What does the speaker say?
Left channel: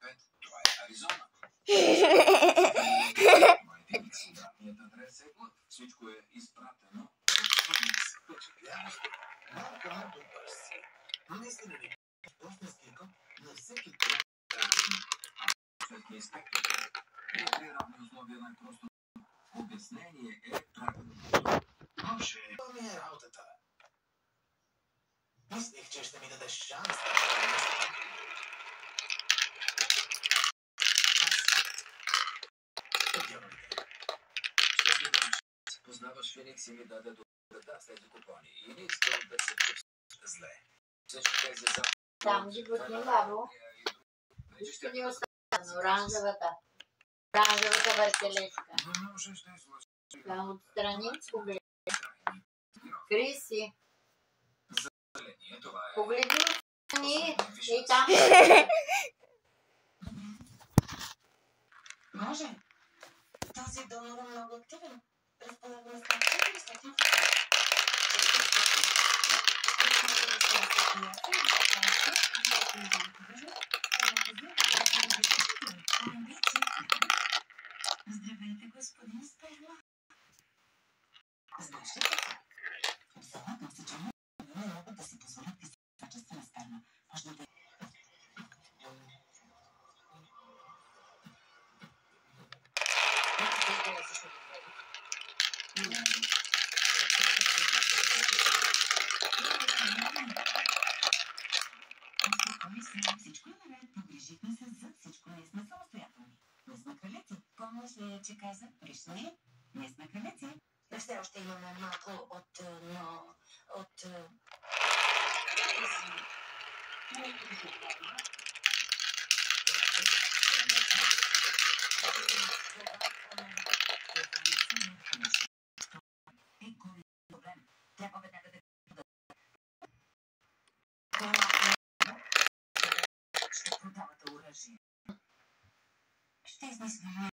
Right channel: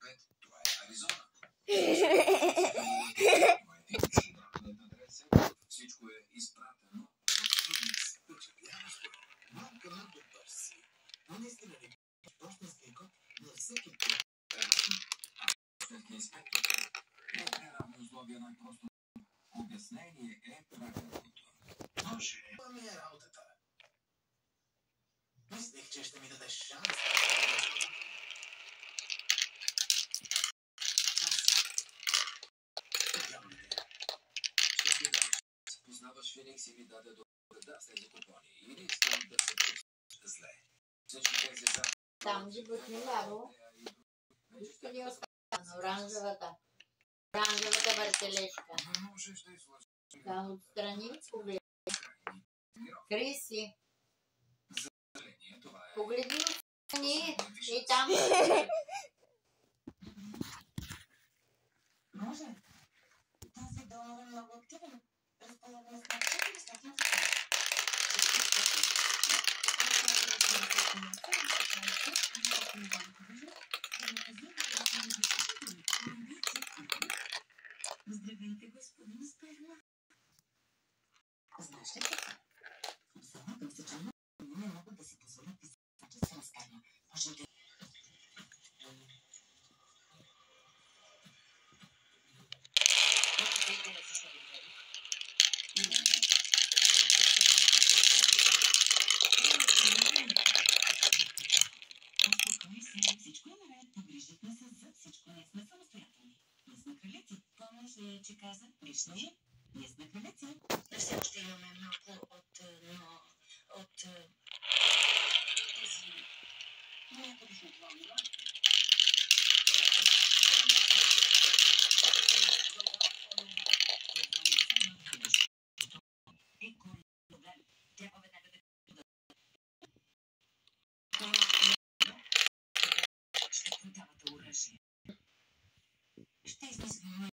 5, това е Аризона. Всичко е изпратено. Впечатляващо. Малко добър си. Наистина ли? Почтенския код на всеки инспектор. При равни условия най-просто обяснение е правилно. Може. Това ми е работата. Мислих, че ще ми дадеш шанс да се мисля. Познаваш Феникс и ми даде да след купони. И не искам да се чувствам зле. Всички тези за... Там ги пътни бабо. Нищо ни остана. Оранжевата. Оранжевата въртележка. Не можеш да излъжеш. Там отстрани погледни. Криси. Погледни отстрани. И там. Може. Този донор е много активен. Разполагаме с 400 фотографии. Здравейте, господин Сперма. Знаеш ли какво? Обзалагам се, че не могат да си позволят писачество на Сперма. Може да... Всичко е наред, погрижихме се за всичко, ние сме самостоятелни. Ние сме кралици. Помниш ли, че каза? Лично ли? Ние сме кралици. Все още имаме малко от... Трябва веднага да... Ще продавате оръжие. Ще измислим